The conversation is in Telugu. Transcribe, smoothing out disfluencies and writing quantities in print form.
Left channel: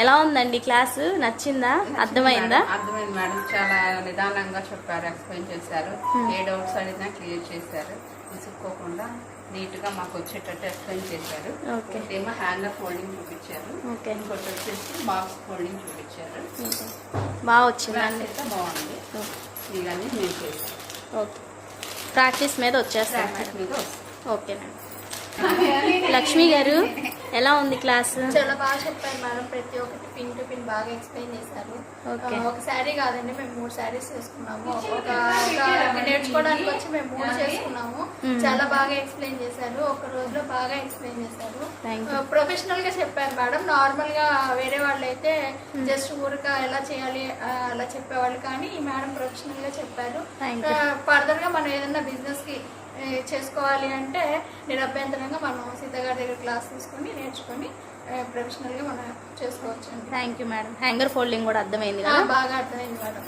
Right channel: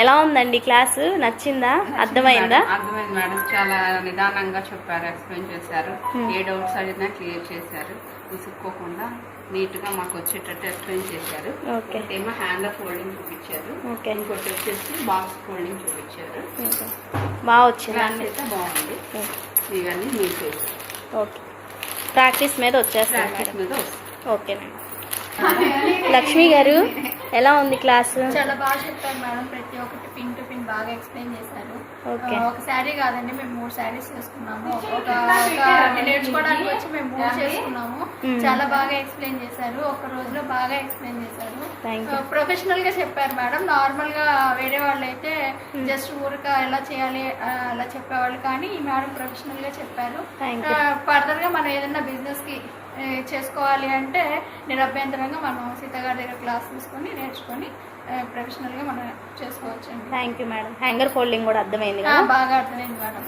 ఎలా ఉందండి క్లాసు? నచ్చిందా? అర్థమైందా? అర్థమైంది మేడం. చాలా నిదానంగా చెప్పారు, ఎక్స్ప్లెయిన్ చేశారు. ఏ డౌట్స్ అడిగినా క్లియర్ చేశారు. విసుక్కోకుండా నీట్ గా మాకు వచ్చేటట్టు ఎక్స్ప్లెయిన్ చేశారు. ఏమో హ్యాంగర్ ఫోల్డింగ్ చూపించారు, ఇంకోటి వచ్చేసి బాక్స్ ఫోల్డింగ్ చూపించారు. బాగా వచ్చింది, అయితే బాగుంది. ఇవన్నీ నేను చేశాను. ఓకే, ప్రాక్టీస్ మీద వచ్చేస్తాను మేడం. Okay madam. లక్ష్మి గారు, ఎలా ఉంది క్లాస్? చాలా బాగా చెప్పారు మేడం. ప్రతి ఒక్కటి పిన్ టు పిన్ బాగా ఎక్స్ప్లెయిన్ చేశారు. ఒక శారీ కాదండి, మేము 3 శారీస్ చేసుకున్నాము. ఒక నేర్చుకోవడానికి వచ్చి మేము 3 చేసుకున్నాము. చాలా బాగా ఎక్స్ప్లెయిన్ చేశారు. ఒక రోజులో బాగా ఎక్స్ప్లెయిన్ చేశారు. ప్రొఫెషనల్ గా చెప్పారు మేడం. నార్మల్ గా వేరే వాళ్ళు అయితే జస్ట్ ఊరిక ఎలా చేయాలి అలా చెప్పేవాళ్ళు, కానీ ఈ మేడం ప్రొఫెషనల్ గా చెప్పారు. ఫర్దర్ గా మనం ఏదైనా బిజినెస్ కి చేసుకోవాలి అంటే నిరభ్యంతరంగా మనం సీతగారి దగ్గర క్లాస్ తీసుకొని నేర్చుకొని ప్రొఫెషనల్ గా మనం చేసుకోవచ్చు. Thank you madam. Hanger folding కూడా అర్థమైంది కదా? బాగా అర్థమైంది మేడం.